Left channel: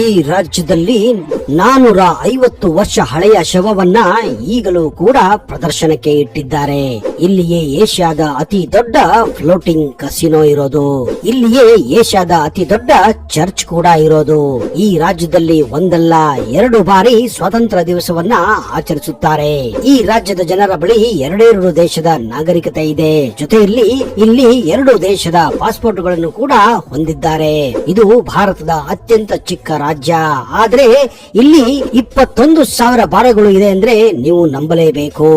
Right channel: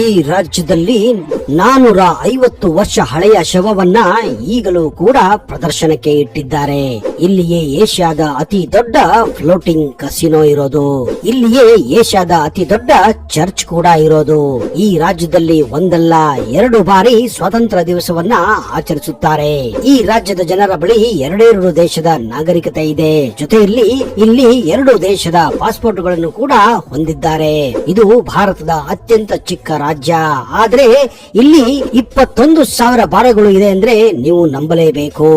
ಈ ರಾಜ್ಯದಲ್ಲಿ 450 ವರ್ಷ ಹಳೆಯ ಶವವನ್ನ ಈಗಲೂ ಕೂಡ ಪ್ರದರ್ಶನಕ್ಕೆ ಇಟ್ಟಿದ್ದಾರೆ. ಇಲ್ಲಿಯೇ ಏಷ್ಯಾದ ಅತಿ ದೊಡ್ಡ ಫ್ಲೋಟಿಂಗ್ ಕಸಿನೋ ಇರೋದು, ಇಲ್ಲಿಯೇ ಏಷ್ಯಾದ ಅತಿ ದೊಡ್ಡ ಚರ್ಚ್ ಕೂಡ ಇರೋದು. ಈ ರಾಜ್ಯದಲ್ಲಿ ಒಂದಲ್ಲ 2 ಬಾರಿ ಸ್ವಾತಂತ್ರ್ಯ ದಿವಸವನ್ನ ಆಚರಿಸುತ್ತಾರೆ. ಈ ರಾಜ್ಯದ ಜನರ ಬಳಿ 2 ದೇಶದ ನಾಗರಿಕತೆ ಇದೆ. ಜೊತೆಯಲ್ಲಿ ಇಲ್ಲಿ 2 ದೇಶದ ಪಾಸ್ಪೋರ್ಟ್ಗಳನ್ನು ಕೂಡ ಹೊಂದಿದ್ದಾರೆ. ಇದು ಭಾರತದ ಅತ್ಯಂತ ಚಿಕ್ಕ ರಾಜ್ಯ. ಆದ್ರೆ ಇಲ್ಲಿ 21,000 ಬಾರಗಳು ಇದೆ ಅಂದ್ರೆ ನೀವು ನಂಬಲೇಬೇಕು.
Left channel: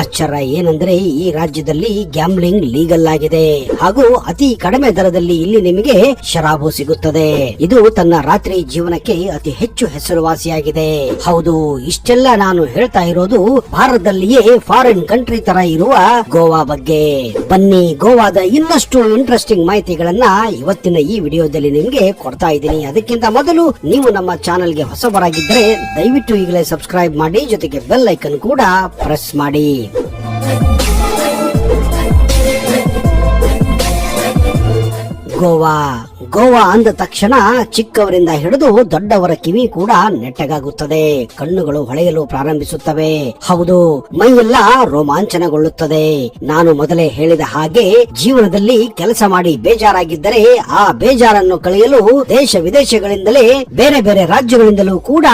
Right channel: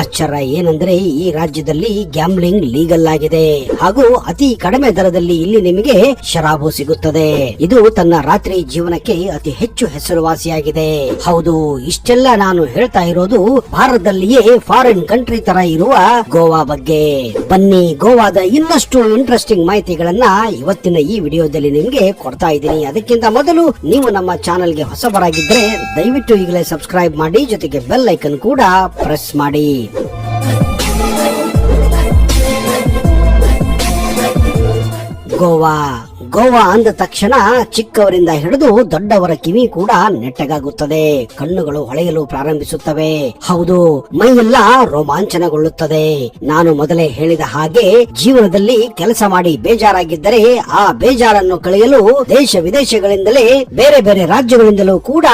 ಆಶ್ಚರ್ಯ ಏನಂದ್ರೆ ಈ ರಾಜ್ಯದಲ್ಲಿ ಗ್ಯಾಮ್ಲಿಂಗ್ ಲೀಗಲ್ ಆಗಿದೆ ಹಾಗೂ ಅತಿ ಕಡಿಮೆ ದರದಲ್ಲಿ ಇಲ್ಲಿ ನಿಮಗೆ ಶರಾಬು ಸಿಗುತ್ತದೆ. ಇದು ತನ್ನ ರಾತ್ರಿ ಜೀವನಕ್ಕೆ ಅತಿ ಹೆಚ್ಚು ಹೆಸರುವಾಸಿಯಾಗಿದೆ. ಹೌದು, ಇಷ್ಟೆಲ್ಲ ನಾನು ಹೇಳ್ತಾ ಇರೋದು ಭಾರತದಲ್ಲಿಯೇ ಫಾರಿನ್ ಕಂಟ್ರಿ ತರ ಇರುವ ಗೋವಾ ಬಗ್ಗೆ. ಬನ್ನಿ, ಗೋವಾದ ಇನ್ನಷ್ಟು ಇಂಟ್ರೆಸ್ಟಿಂಗ್ ಮಾಹಿತಿಗಳನ್ನ ಇವತ್ತಿನ ಈ ವಿಡಿಯೋದಲ್ಲಿ ನಿಮ್ಗೆ ಕೊಡ್ತಾ ಇದ್ದೀನಿ. ಅದಕ್ಕಿಂತ ಮೊದಲು ನೀವು ನಮ್ಮ ಚಾನೆಲ್ಗೆ ಹೊಸಬರಾಗಿದ್ದರೆ ದಯವಿಟ್ಟು ಈಗಲೇ ಸಬ್ಸ್ಕ್ರೈಬ್ ಮಾಡಿ, ಜೊತೆಗೆ ಬೆಲ್ ಐಕನ್ ಕೂಡ ಪ್ರೆಸ್ ಮಾಡಿ. ಗೋವಾ ಅಂದ ತಕ್ಷಣ ಚಿಕ್ಕವರಿಂದ ಹಿಡಿದು ದೊಡ್ಡವರ ಕಿವಿ ಕೂಡ ನೆಟ್ಟಗಾಗುತ್ತದೆ, ಕಣ್ಣುಗಳು ಹೊಳೆಯಲು ಪ್ರಾರಂಭಿಸುತ್ತವೆ. ಹೌದು, ಮೈಯೆಲ್ಲ ರೋಮಾಂಚನಗೊಳ್ಳುತ್ತದೆ. ನಾನು ಮೊದಲೇ ಹೇಳಿದ ಹಾಗೆ ಜೀವನದಲ್ಲಿ ಕೆಲಸ ಮಾಡಿ ಬೇಜಾರಾಗಿದ್ದರೆ ಆ ಬೇಜಾರನ್ನು ಕಳೆಯಲು ದೇಶ ವಿದೇಶಗಳಿಂದಲೇ ಬೇರೆ ಬೇರೆ ರಾಜ್ಯಗಳಿಂದಲೂ ಕೂಡ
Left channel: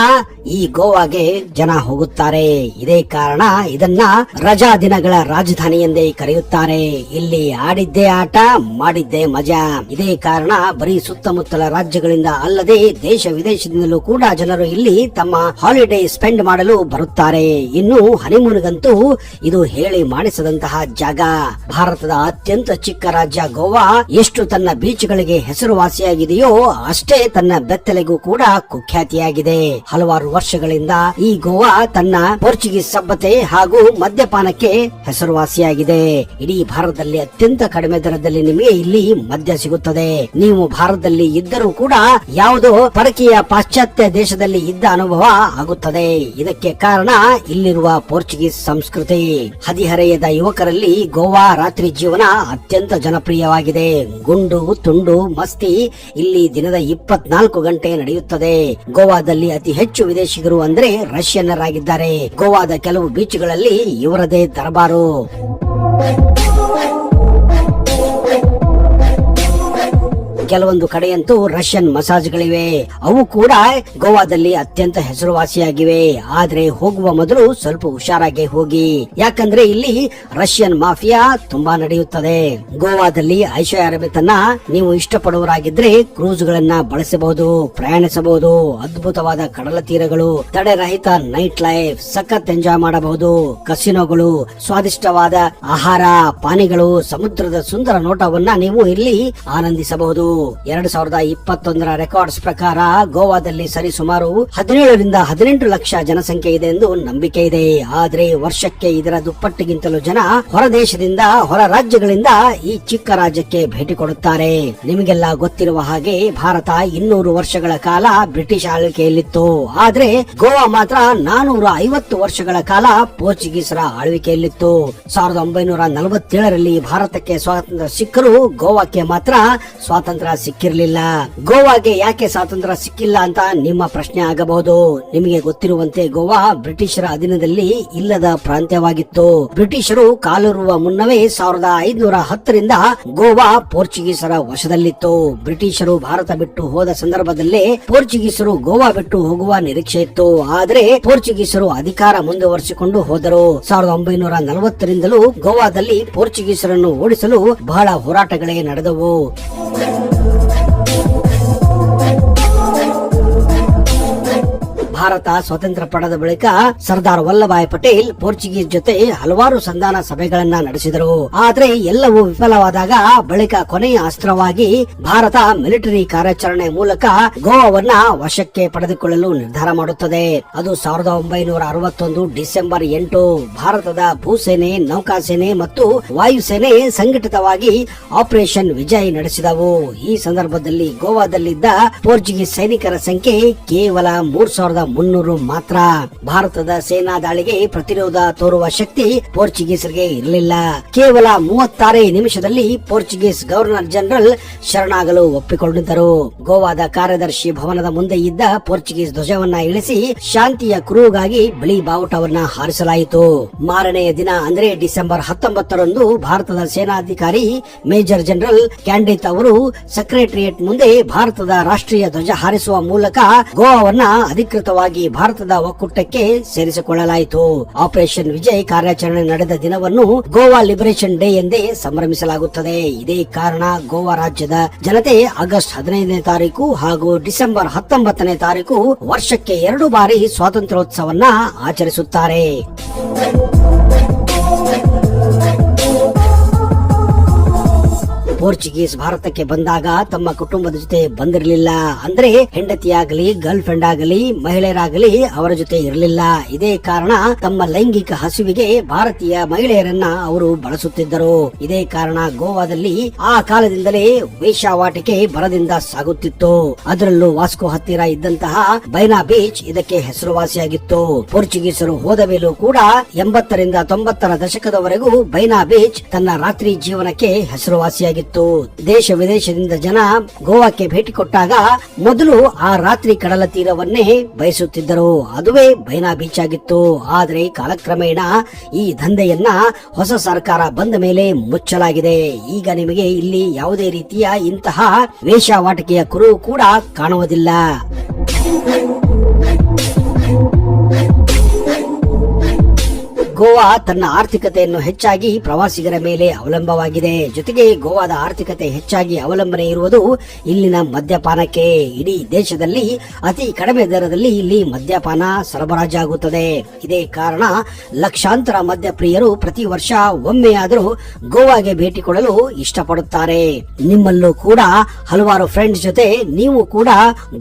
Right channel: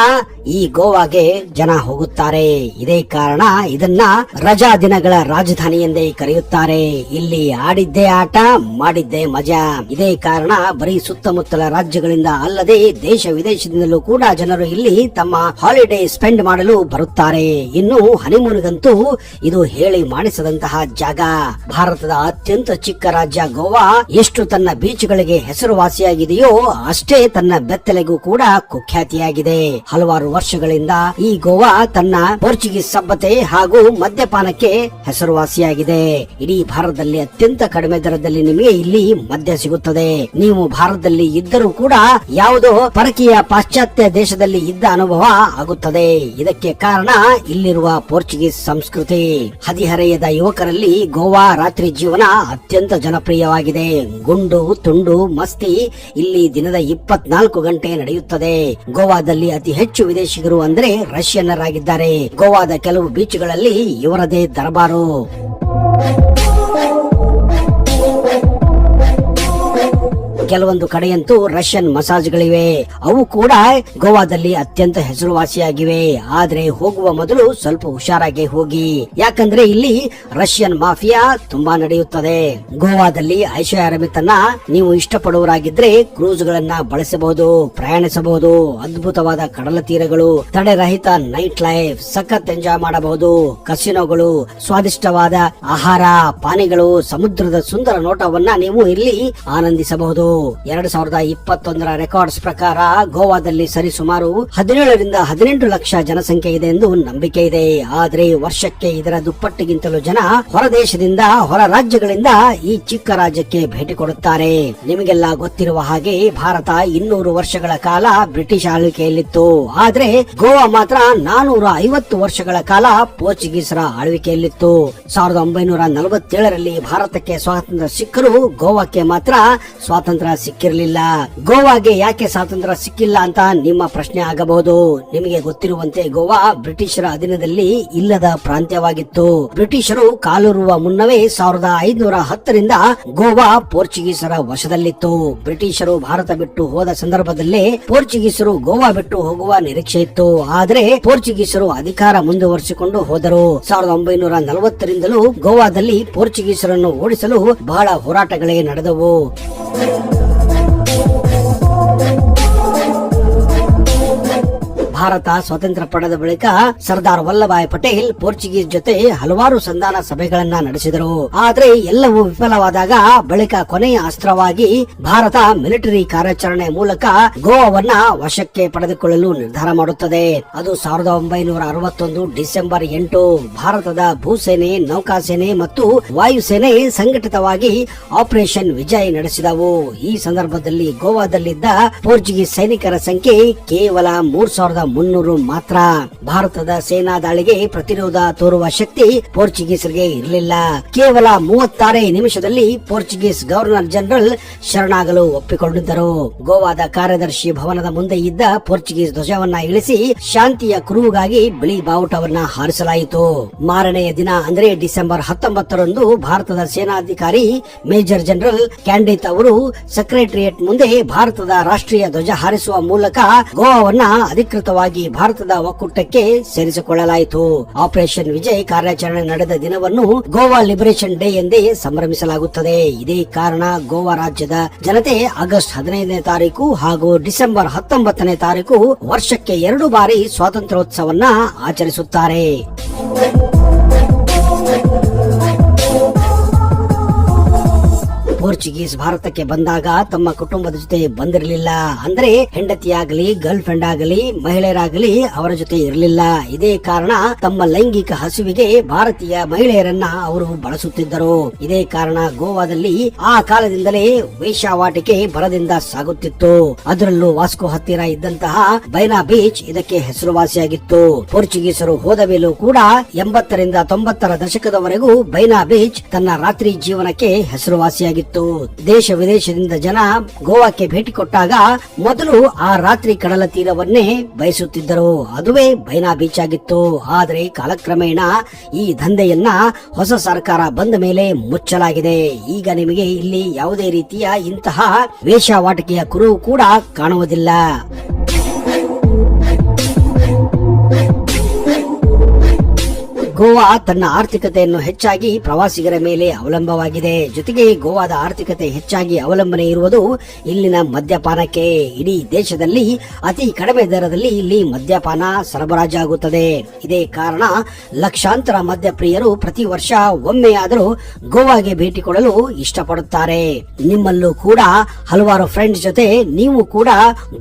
ಈ ಗೋವಾಗೆ ಜನ ಹೋಗುತ್ತಾರೆ. ಇದೇ ಕಾರಣ ಇದನ್ನ ರಜಾ ದಿನಗಳ ರಾಜಧಾನಿ ಎಂದೇ ಕರೆಯುತ್ತಾರೆ. ಇಲ್ಲಿ ಆಡಿದ್ದೇ ಆಟ, ಮಾಡಿದ್ದೇ ಮಜಾ. ಇದೇ ಕಾರಣ ಬರೀ ಸುತ್ತಮುತ್ತಲ ರಾಜ್ಯಗಳಿಂದ ಅಲ್ಲದೆ ದೇಶ ವಿದೇಶದಿಂದಲೂ ಕೂಡ ಜನರು ಇಲ್ಲಿ ತಮ್ಮ ಹಾಲಿಡೇ ಸ್ಪೆಂಡ್ ಮಾಡಲು ಬರುತ್ತಾರೆ. ಇನ್ನು ಹನಿಮೂನ್ಗಂತೂ ಇದು ಹೇಳಿ ಮಾಡಿಸದಂತಹ ಜಾಗ. ಭಾರತದ ಅತ್ಯಂತ ಚಿಕ್ಕ ರಾಜ್ಯ ಗೋವಾ ಎಷ್ಟು ತನ್ನ ಬೀಚ್ಗಳಿಗೆ ಹೆಸರುವಾಸಿಯಾಗಿದೆಯೋ ಅಷ್ಟೇ ತನ್ನ ಬೆತ್ತಲೆಗೂ ಕೂಡ ಕುಖ್ಯಾತಿಯಾಗಿದೆ. ಹಲವಾರು ವರ್ಷಗಳಿಂದ ಈ ಗೋವಾ ತನ್ನ ಪೋರ್ಚುಗೀಸ್ ಸಭ್ಯತೆ ಹಾಗೂ ಮದ್ಯಪಾನಕ್ಕೆ ಹೆಸರುವಾಸಿಯಾಗಿದೆ. ಇಡೀ ಭಾರತದಲ್ಲಿ ಅತ್ಯಂತ ಕಡಿಮೆ ದರದಲ್ಲಿ ನಿಮಗೆ ಇಲ್ಲಿ ಮದ್ಯ ಸಿಗುತ್ತದೆ. ನೀವು ಭಾರತದಲ್ಲಿ ಇದ್ದರೂ ಕೂಡ ಯಾವುದೋ ಪರಕೀಯ ಪಾಶ್ಚಾತ್ಯ ದೇಶದಲ್ಲಿ ಇದ್ದ ಅನುಭವ ಆಗುತ್ತದೆ. ಇದಕ್ಕೆ ಕಾರಣ ಇಲ್ಲಿರುವ ಪೋರ್ಚುಗೀಸ್ ಸಂಸ್ಕೃತಿ. ಹದಿಹರೆಯದ ಯುವಕರಲ್ಲಿ ಗೋವಾ ರಾತ್ರಿ ಜೀವನ ಅತ್ಯಂತ ಜನಪ್ರಿಯವಾಗಿದೆ. ಗುಂಡು ತುಂಡು ಮಸ್ತಿ ಇಲ್ಲಿ ದಿನದ 24 ಗಂಟೆ ನಡೆಯುತ್ತದೆ. ಗೋವಾದಲ್ಲಿ ಅತಿ ಹೆಚ್ಚು ವಿದೇಶಿಗರು ಅಂದ್ರೆ ರಷ್ಯನ್ನರಾಗಿದ್ದಾರೆ. ಗೋವಾದ ಕೆಲವು ಬೀಚ್ಗಳಲ್ಲಿ ಇವರದೇ ದರ್ಬಾರು. ಕೆಲವೊಂದು ಕಡೆಯಂತೂ ರಷ್ಯನ್ ಮಸಾಜ್ಗಳಿವೆ. ಅವು ಕೂಡ ಗೋವಾದಲ್ಲಿ ಅತ್ಯಂತ ಹೆಸರುವಾಸಿಯಾಗಿವೆ. ಆದ್ರೆ ಹೋಗುವ ಮೊದಲು ಸ್ವಲ್ಪ ಹುಷಾರಾಗಿ ಹೋಗಿ, ಯಾಕಂದ್ರೆ ಇಲ್ಲಿ ರಷ್ಯನ್ ಮಾಫಿಯಾ ತುಂಬಾ ನಡೆಯುತ್ತದೆ. ಗೋವಾದಲ್ಲಿ ಐಷಾರಾಮಿತನ ನೀವು ಇಷ್ಟಪಡುವರಾಗಿದ್ರೆ ಕ್ರೂಸ್ ಗಳನ್ನ ಬಳಸಬಹುದು, ಪ್ರಯಾಣಿಸಬಹುದು. ಅದ್ಭುತವಾದ ಕಡಲ ತೀರಗಳು, ತಡೆರಹಿತ ನೈಟ್ ಲೈಫ್, ಸಖತ್ ಎಂಜಾಯ್ ಮಾಡಬಹುದು. ಕಸಿನೋಗಳು, ಸ್ವಾದಿಷ್ಟವಾದ ಆಹಾರ ಪಾನೀಯಗಳು, ಸಮುದ್ರದ ಸುಂದರ ನೋಟವನ್ನ ನೀವು ಇಲ್ಲಿ ಆನಂದಿಸಬಹುದು. 2021ರ ರೆಕಾರ್ಡ್ಸ್ ಪ್ರಕಾರ ಗೋವಾದಲ್ಲಿ ಸರಿಸುಮಾರು 17 ರಿಂದ 18 ಲಕ್ಷ ಜನಸಂಖ್ಯೆ ಇದೆ ಎಂದು ನಂಬಿಕೆ ಇದೆ. ಆದ್ರೆ ವರ್ಷಕ್ಕೆ ಇದರ ದುಪ್ಪಟ್ಟಿಗಿಂತಲೂ ಜನ ಹೊರ ದೇಶದಿಂದ, ಹೊರ ರಾಜ್ಯಗಳಿಂದ ಈ ಚಿಕ್ಕ ರಾಜ್ಯಕ್ಕೆ ಭೇಟಿ ಕೊಡುತ್ತಾರೆ. ನಿಮಗೆಲ್ಲ ಗೊತ್ತಿರುವ ಹಾಗೆ ಭಾರತ 200 ವರ್ಷಗಳ ಕಾಲ ಬ್ರಿಟಿಷ್ ಆಳ್ವಿಕೆಯಲ್ಲಿತ್ತು. ಆದ್ರೆ ಗೋವಾ ಮಾತ್ರ 450 ವರ್ಷಗಳ ಕಾಲ ಪೋರ್ಚುಗೀಸರ ಆಳ್ವಿಕೆಯಲ್ಲಿತ್ತು. 1947ರಲ್ಲಿ ಭಾರತಕ್ಕೆ ಸ್ವಾತಂತ್ರ್ಯ ಸಿಕ್ಕರೂ ಗೋವಾಕ್ಕೆ ಮಾತ್ರ ಸ್ವಾತಂತ್ರ್ಯ ಸಿಕ್ಕಿರಲಿಲ್ಲ. ಗೋವಾಗೆ ಯಾಕೆ ಸ್ವಾತಂತ್ರ್ಯ ಸಿಕ್ಕಿಲ್ಲ ಅಂತ ನಿಮ್ಮ ಪ್ರಶ್ನೆ ಆಗಬಹುದು. ನಿಮಗೆ ಗೊತ್ತಿರುವಂತೆ ಗೋವಾ ಬ್ರಿಟಿಷರ ಅಧೀನದಲ್ಲಿ ಇಲ್ಲದ ಪ್ರಾಂತ್ಯವಾಗಿತ್ತು. ಬ್ರಿಟಿಷರು ಕಾಲೂರುವ ಮುನ್ನವೇ 1510ರಿಂದ ಗೋವಾ ಪೋರ್ಚುಗೀಸರ ವಶದಲ್ಲಿತ್ತು. ಬ್ರಿಟಿಷರು ಭಾರತ ಬಿಟ್ಟು ಹೋದ ಸಂದರ್ಭದಲ್ಲೇ ಪೋರ್ಚುಗೀಸರು ಗೋವಾ ಬಿಟ್ಟು ಹೋಗುವ ನಿರೀಕ್ಷೆ ಇತ್ತು. ಆದ್ರೆ ಪೋರ್ಚುಗೀಸರು ಅಧಿಕಾರ ಮುಂದುವರಿಸಿಕೊಂಡು ಹೋದರು. 1940ರಿಂದಲೂ ಗೋವಾದಲ್ಲಿ ಪೋರ್ಚುಗೀಸರನ್ನು ಓಡಿಸಲು ಬಹಳ ಹೋರಾಟಗಳೇ ನಡೆದವು. ಭಾರತ ಸ್ವಾತಂತ್ರ್ಯ ಪಡೆದ ಬಳಿಕ ಸರ್ದಾರ್ ವಲ್ಲಭಾಯ್ ಪಟೇಲ್ ಪೋರ್ಚುಗೀಸ್ ಜೊತೆ ಹಲವಾರು ಸಂಧಾನ ಸಭೆಗಳನ್ನ ನಡೆಸಿದರು. ಆದ್ರೆ ಎಲ್ಲವೂ ವಿಫಲವಾದಾಗ ಬಳಿಕ ಕೊನೆಯ ಅಸ್ತ್ರವಾಗಿ ಭಾರತ ಮಿಲಿಟರಿ ಕಾರ್ಯಾಚರಣೆ ಮೂಲಕ ಗೋವಾವನ್ನ ವಶಕ್ಕೆ ಪಡೆದುಕೊಳ್ಳಲು ನಿರ್ಧಾರ ಮಾಡುತ್ತದೆ. ಅದು 1961 ಡಿಸೆಂಬರ್ 8. ಭಾರತದ ಭೂಸೇನೆ, ನೌಕಾಸೇನೆ ಮತ್ತು ವಾಯುಸೇನೆ ಸಂಘಟಿತವಾಗಿ ಆಪರೇಷನ್ ವಿಜಯ್ ನಡೆಸಿದವು. ಈ ಸಂದರ್ಭದಲ್ಲಿ ಗೋವಾದಲ್ಲಿದ್ದ ಪೋರ್ಚುಗೀಸ್ ಸೈನಿಕರ ಸಂಖ್ಯೆ ಕೇವಲ 3,300 300 ಮಾತ್ರ. ಭಾರತದ ಸೇನಾ ದಾಳಿಗೆ ಪ್ರತಿರೋಧ ತೋರುವ ಶಕ್ತಿ ಪೋರ್ಚುಗೀಸರಿಗೆ ಇರಲಿಲ್ಲ. ಕೇವಲ 36 ನಿಮಿಷದಲ್ಲಿ ಪೋರ್ಚುಗೀಸ್ ಗವರ್ನರ್ ಜನರಲ್ ಶರಣಾಗಲು ಒಪ್ಪಿಕೊಂಡಿದ್ದರು. ಗೋವಾದ ಕಾರ್ಯದರ್ಶಿ ಭವನದ ಮುಂದೆ ಇದ್ದ ಪೋರ್ಚುಗೀಸ್ ಧ್ವಜವನ್ನ ಇಳಿಸಿ ಶಾಂತಿಯ ಕುರುಹುಗಾಗಿ ಬಿಳಿ ಬಾವುಟವನ್ನ ಹಾರಿಸಲಾಯಿತು. ಮಾರನೆಯ ದಿನ ಅಂದ್ರೆ ಡಿಸೆಂಬರ್ 19ರಂದು ಭಾರತದ ಸೇನಾಧಿಕಾರಿ ಮೇಜರ್ ಜನರಲ್ ಕ್ಯಾಂಡಿತ್ ಅವರು ಸೆಕ್ರೆಟರಿಯೇಟ್ ಮುಂದೆ ಭಾರತದ ರಾಷ್ಟ್ರೀಯ ಧ್ವಜ ಹಾರಿಸುವ ಮೂಲಕ ಗೋವಾವನ್ನ ಅಧಿಕೃತವಾಗಿ ಭಾರತದ ಒಕ್ಕೂಟಕ್ಕೆ ಸೇರಿಸಿಕೊಳ್ಳಲಾಯಿತು. ಆಪರೇಷನ್ ವಿಜಯ್ ಕಾರ್ಯಾಚರಣೆ ನಡೆದ ದಿನವನ್ನು ಗೋವಾ ಲಿಬರೇಷನ್ ಡೇ ಎಂದೇ ಸಂಭ್ರಮಿಸಲಾಗುತ್ತದೆ. ಇದೇ ಕಾರಣ ಗೋವಾ ರಾಜ್ಯದ ಜನತೆ ಆಗಸ್ಟ್ 15ನೇ ತಾರೀಕು ಹಾಗೂ ಡಿಸೆಂಬರ್ 19ನೇ ತಾರೀಕು ವರ್ಷಕ್ಕೆ 2 ಬಾರಿ ಸ್ವಾತಂತ್ರ್ಯೋತ್ಸವನ್ನ ಆಚರಿಸುತ್ತಾರೆ. ಪೋರ್ಚುಗೀಸ್ ಭಾರತಕ್ಕೆ ಬಂದಾಗ ತಮ್ಮ ಕುಟುಂಬದ ಜೊತೆ ಬಂದಿರಲಿಲ್ಲ. ಅಂದ್ರೆ ಹೆಂಡತಿಯಾಗಲಿ ಗರ್ಲ್ ಫ್ರೆಂಡ್ ಆಗಲಿ ಮಹಿಳೆಯರಾಗಲಿ ಅವರ ಜೊತೆ ಇರಲಿಲ್ಲ. ಇದೇ ಕಾರಣ ತಮ್ಮ ಲೈಂಗಿಕ ಹಸಿವಿಗೆ ಭಾರತೀಯ ಮಹಿಳೆಯರನ್ನ ಅವರು ಬಳಸುತ್ತಿದ್ದರು. ಇದೇ ಕಾರಣ ಗೋವಾದಲ್ಲಿ ಆ ಕಾಲದಿಂದಲೇ ವೇಶ್ಯಾವಾಟಿಕೆ ಭರದಿಂದ ಸಾಗುತ್ತಿತ್ತು. ಅದರಲ್ಲೂ ವಾಸ್ಕೋ ಹತ್ತಿರ ಇದ್ದಂತಹ ಬೈನಾ ಬೀಚ್ ಇದಕ್ಕೆ ಹೆಸರುವಾಸಿಯಾಗಿತ್ತು. ಪೋರ್ಚುಗೀಸರು ಹೋದ ಮೇಲೂ ಕೂಡ 80ರಿಂದ 90ರ ದಶಕದವರೆಗೂ ಬೈನಾ ಬೀಚ್ ತನ್ನ ರಾತ್ರಿ ಜೀವನಕ್ಕೆ ಹೆಸರುವಾಸಿಯಾಗಿತ್ತು. ದೇಶ ವಿದೇಶದಿಂದ ಜನ ಗೋವಾಕ್ಕೆ ಭೇಟಿ ಕೊಟ್ಟಾಗ ಮೊದಲು ಆ ರಾತ್ರಿ ಕಡಲ ತೀರವನ್ನೇ ಬಯಸುತ್ತಿದ್ದರು. ಅದುವೇ ಬೈನಾ ಬೀಚ್ ಆಗಿತ್ತು. ಆದರೆ ಕಾಲಕ್ರಮೇಣ ಈ ದಂಧೆಯನ್ನ ಹೊಸ ಸರ್ಕಾರ ಬಂದ ಮೇಲೆ ಮುಚ್ಚಲಾಗಿದೆ. ಈಗ ನಿಮಗೆ ಇಲ್ಲಿ ಯಾವುದೇ ರೀತಿಯ ಇಂತಹ ವೇಶ್ಯಾವಾಟಿಕೆಯ ಕುರುಹು ಕೂಡ ಕಾಣುವುದಿಲ್ಲ. ಗೋವಾ ತನ್ನ ಆರ್ಥಿಕತೆಯನ್ನು ಹೆಚ್ಚಾಗಿ ಪ್ರವಾಸಿಗರ ಮೇಲೆ ಅವಲಂಬವಾಗಿದೆ. ಜೊತೆಗೆ ಗೋವಾದ ಆರ್ಥಿಕತೆ ಹೆಚ್ಚಾಗಿ ಅವಲಂಬನೆ ಇರುವುದು ಇಲ್ಲಿನ ಮದ್ಯಪಾನಕ್ಕೆ. ಇಡೀ ದೇಶದಲ್ಲಿ ಅತಿ ಕಡಿಮೆ ದರದಲ್ಲಿ ಇಲ್ಲಿ ಮದ್ಯಪಾನ ಸರಬರಾಜಾಗುತ್ತದೆ. ಇದೇ ಕಾರಣ ಲಕ್ಷಾಂತರ ಮದ್ಯಪ್ರಿಯರು ಪ್ರತಿ ವರ್ಷ ಒಮ್ಮೆಯಾದರೂ ಗೋವಾಗೆ ಭೇಟಿ ಕೊಡಲು ಇಷ್ಟಪಡುತ್ತಾರೆ. ನಿಮ್ಮಲ್ಲೂ ಕೂಡ ಹಲವಾರು ಫ್ರೆಂಡ್ಸ್ ಜೊತೆ ನೀವು ಕೂಡ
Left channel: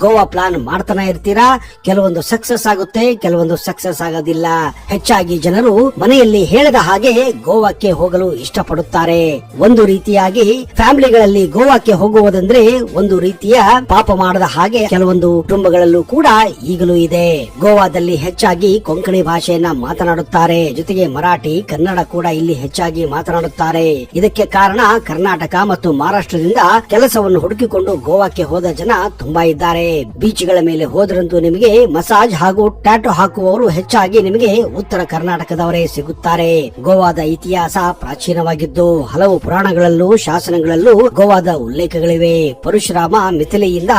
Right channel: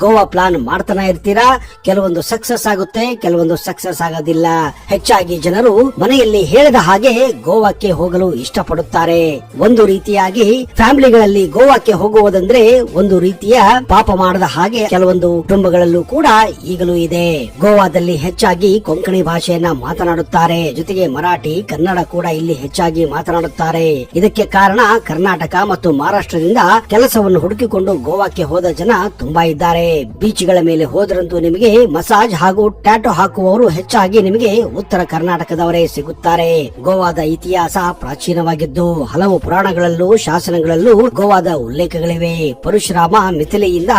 ಗೋವಾ ಪ್ಲಾನ್ ಮಾಡ್ತಾನೆ ಇರ್ತೀರಾ. ಕೆಲವೊಂದು ಸಕ್ಸಸ್ ಆಗುತ್ತೆ, ಕೆಲವೊಂದು ಸಕ್ಸಸ್ ಆಗೋದಿಲ್ಲ. ಹೆಚ್ಚಾಗಿ ಜನರು ಮನೆಯಲ್ಲಿ ಹೇಳದ ಹಾಗೆ ಗೋವಾಕ್ಕೆ ಹೋಗಲು ಇಷ್ಟಪಡುತ್ತಾರೆ. ಒಂದು ರೀತಿಯಾಗಿ ಫ್ಯಾಮಿಲಿಗಳಲ್ಲಿ ಗೋವಾಕ್ಕೆ ಹೋಗುವುದಂದ್ರೆ ಒಂದು ರೀತಿಯ ಪಾಪ ಮಾಡದ ಹಾಗೆ ಕೆಲವೊಂದು ಕುಟುಂಬಗಳಲ್ಲೂ ಕೂಡ ಈಗಲೂ ಇದೆ. ಗೋವಾದಲ್ಲಿ ಹೆಚ್ಚಾಗಿ ಕೊಂಕಣಿ ಭಾಷೆಯನ್ನ ಮಾತನಾಡುತ್ತಾರೆ. ಜೊತೆಗೆ ಮರಾಠಿ, ಕನ್ನಡ ಕೂಡ ಇಲ್ಲಿ ಹೆಚ್ಚಾಗಿ ಮಾತನಾಡುತ್ತಾರೆ. ಇದಕ್ಕೆ ಕಾರಣ ಕರ್ನಾಟಕ ಮತ್ತು ಮಹಾರಾಷ್ಟ್ರದಿಂದ ಕೆಲಸವನ್ನು ಹುಡುಕಿಕೊಂಡು ಗೋವಾಕ್ಕೆ ಹೋದ ಜನ ತುಂಬಾ ಇದ್ದಾರೆ. ಬೀಚ್ಗಳ ಮೇಲೆ ಹೋದ್ರಂತೂ ನಿಮಗೆ ಮಸಾಜ್ ಹಾಗೂ ಟ್ಯಾಟೋ ಹಾಕುವವರು ಹೆಚ್ಚಾಗಿ ನಿಮಗೆ ಉತ್ತರ ಕರ್ನಾಟಕದವರೇ ಸಿಗುತ್ತಾರೆ. ಗೋವಾದ ಇತಿಹಾಸ ಪ್ರಾಚೀನವಾಗಿದ್ದು ಹಲವು ಪುರಾಣಗಳಲ್ಲೂ ಶಾಸನಗಳಲ್ಲೂ ಗೋವಾದ ಉಲ್ಲೇಖಗಳಿವೆ. ಪರಶುರಾಮ ಮಿಥಿಲೆಯಿಂದ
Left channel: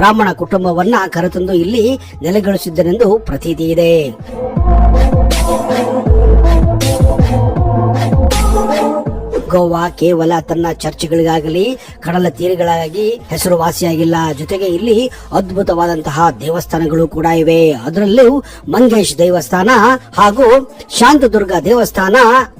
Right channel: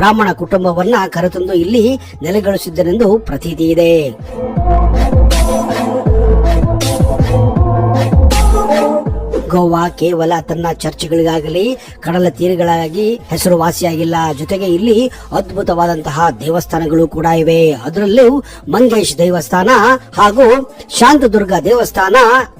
ಬ್ರಾಹ್ಮಣ ಕುಟುಂಬವನ್ನ ಕರೆತಂದು ಇಲ್ಲಿ ನೆಲೆಗೊಳಿಸಿದ್ದನೆಂದು ಪ್ರತೀತಿ ಇದೆ. ಗೋವಾ ಕೇವಲ ತನ್ನ ಚರ್ಚ್ಗಳಿಗಾಗಲಿ ಕಡಲ ತೀರಗಳಾಗಿ ಹೆಸರುವಾಸಿಯಾಗಿಲ್ಲ. ಜೊತೆಗೆ ಇಲ್ಲಿ ಅದ್ಭುತವಾದಂತಹ ದೇವಸ್ಥಾನಗಳು ಕೂಡ ಇವೆ. ಅದರಲ್ಲೂ ಮಂಗೇಶ್ ದೇವಸ್ಥಾನ ಹಾಗೂ ಶಾಂತದುರ್ಗ ದೇವಸ್ಥಾನ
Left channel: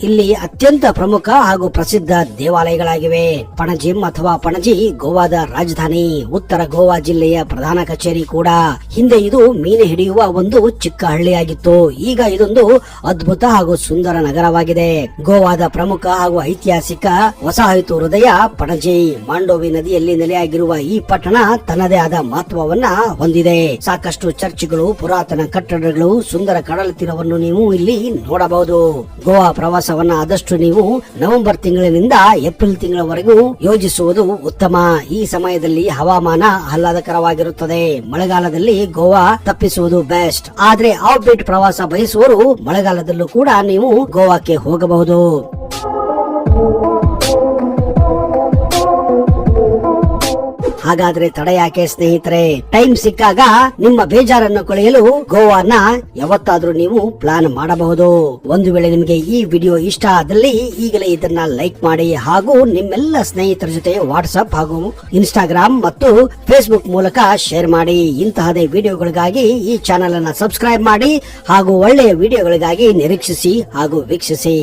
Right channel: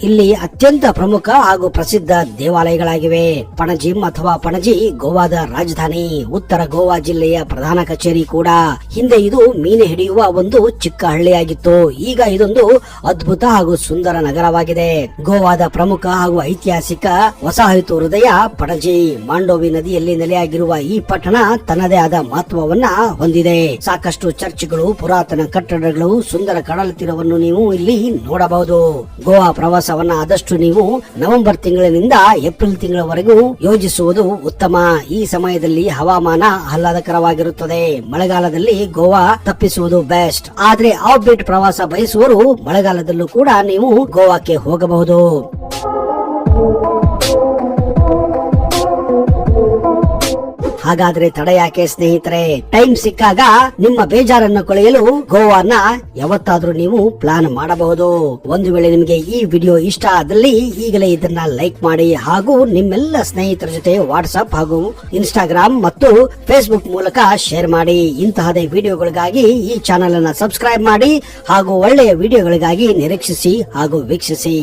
ಇಲ್ಲಿ ಅತ್ಯಂತ ಪ್ರಮುಖ ಹಾಗೂ ಪ್ರಸಿದ್ಧ ದೇವಾಲಯಗಳಾಗಿವೆ. ಪಣಜಿಮ್ ಅಥವಾ ಪಣಜಿ ಗೋವಾದ ರಾಜಧಾನಿ, ಉತ್ತರ ಗೋವಾ ಜಿಲ್ಲೆಯ ಪ್ರಧಾನ ಕಚೇರಿ ಕೂಡ. ಹಿಂದೆ ಇದು ಮೀನು ಹಿಡಿಯುವ ಒಂದು ಚಿಕ್ಕ ಹಳ್ಳಿಯಾಗಿತ್ತು. ಈಗ ಇದೊಂದು ಅದ್ಭುತ ಹಾಗೂ ಸುಂದರ ನಗರವಾಗಿದೆ. ಗೋವಾದ ಪ್ರಮುಖ ಹಾಗೂ ಐತಿಹಾಸಿಕ ವಸಾಹತು ಹೃದಯ ಪಣಜಿ. ಮಾಂಡೋವಿ ನದಿಯಲ್ಲಿ ನೆಲೆಯಾಗಿರುವ ಈ ಪಟ್ಟಣ ತನ್ನದೇ ಆದ ಮಹತ್ವವನ್ನ ಹೊಂದಿದೆ. ಸಾಕಷ್ಟು ಚರ್ಚ್ಗಳು, ಪುರಾತನ ಕಟ್ಟಡಗಳು, ಸುಂದರ ಕಡಲ ತೀರವನ್ನು ನೀವು ಇಲ್ಲಿ ನೋಡಬಹುದು. ಗೋವಾ ಪ್ರವಾಸವನ್ನ ಆದಷ್ಟು ನೀವು ನವೆಂಬರ್ ತಿಂಗಳಿನಿಂದ ಏಪ್ರಿಲ್ ತಿಂಗಳವರೆಗೂ ಯೋಜಿಸುವುದು ಉತ್ತಮ. ಈ ಸಮಯದಲ್ಲಿ ಹವಾಮಾನ ಆಹ್ಲಾದಕರವಾಗಿರುತ್ತದೆ. ಮಳೆಗಾಲದಲ್ಲಿ ಗೋವಾ ತಪ್ಪಿಸುವುದು ಬೆಸ್ಟ್. ಆದ್ರೆ ಆಫ್ ಬೀಟ್ ಪ್ರವಾಸ ಬಯಸುವವರು ಮಳೆಗಾಲದಲ್ಲೂ ಕೂಡ ನೀವು ಗೋವಾಕ್ಕೆ ಹೋಗಬಹುದು. ಹಾಗಾದ್ರೆ ತಡ ಯಾಕೆ ಸ್ನೇಹಿತರೆ? ಟೈಮ್ ಸಿಕ್ಕಾಗ ನಿಮ್ಮ ಬೇಜಾರನ್ನು ಕಳೆಯಲು ಗೋವಾನ ಯಾವತ್ತಾದ್ರೂ ನೀವು ಪ್ಲಾನ್ ಮಾಡಬಹುದು. ಒಂದು ವೇಳೆ ನಿಮಗೆ ಈ ವಿಡಿಯೋ ಇಷ್ಟ ಆದಲ್ಲಿ ಈಗಲೇ ಇದನ್ನ ಲೈಕ್ ಮಾಡಿ ಹಾಗೂ ನಿಮ್ಮೆಲ್ಲ ಸ್ನೇಹಿತರ ಜೊತೆ ವಾಟ್ಸ್ಆಪ್ ಹಾಗೂ ಇನ್ಸ್ಟಾಗ್ರಾಮ್ ಮತ್ತು ಫೇಸ್ಬುಕ್ ಮೂಲಕ ಶೇರ್ ಮಾಡಿ. ಇಂತಹದೇ ವಿಡಿಯೋಗಳಿಗಾಗಿ ಈ ಚಾನೆಲ್ ಅನ್ನ ಸಬ್ಸ್ಕ್ರೈಬ್ ಮಾಡಿ ಹಾಗೂ ಒಳ್ಳೆಯ ವಿಡಿಯೋಗಳಿಗಾಗಿ ನಿರೀಕ್ಷಿಸಿ ಹಾಗೂ ವೀಕ್ಷಿಸಿ.